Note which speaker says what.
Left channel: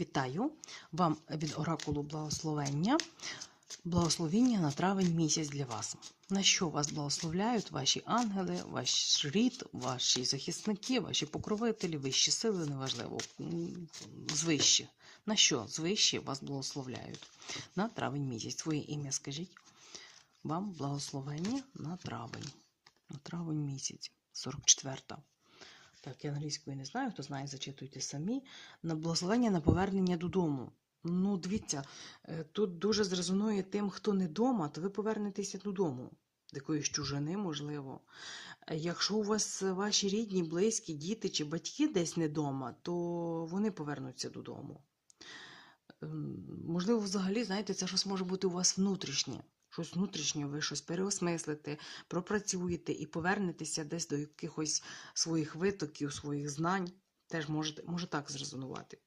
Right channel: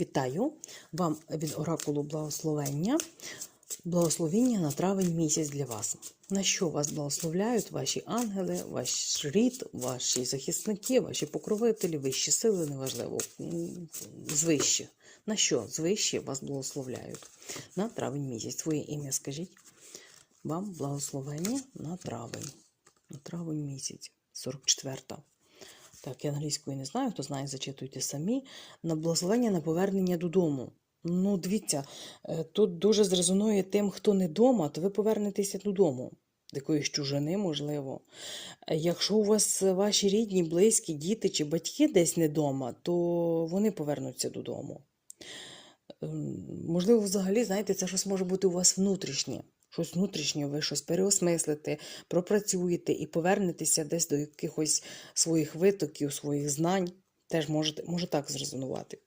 Speaker 1: Вітаю вам від оракулу благословення. Благословіння на травень місяць для вас. На що вас благословляють ваші ангели, ваш рід, ваші захисники, ваші покровителі, вищі сили, неважливо, звищі. На що звищі вас благословляють? На травень місяць. Своє ім'я скажіть. Вам благословення на травень. На травень місяць, 44-та. Так, я англійської не знаю, хто знає, зачитуйте самі. На благословення на повернення додому. Ну, дивіться, е, тут дуже зрезонує тим, хто не вдома, то ви повернетеся додому. З якоїсь чужини, можливо. Е, Якщо у вас ваші рідні, близькі, діти чи батьки десь не вдома, то вони повернуться додому. Ем, Можливо, взагалі, знаєте, це щось може бути у вас внутрішнє. Щось внутрішнє, ви щось переосмислите, пропрацюєте і повернетеся десь до якихось своїх витоків, своїх знань. Теж може, може так зрезонувати.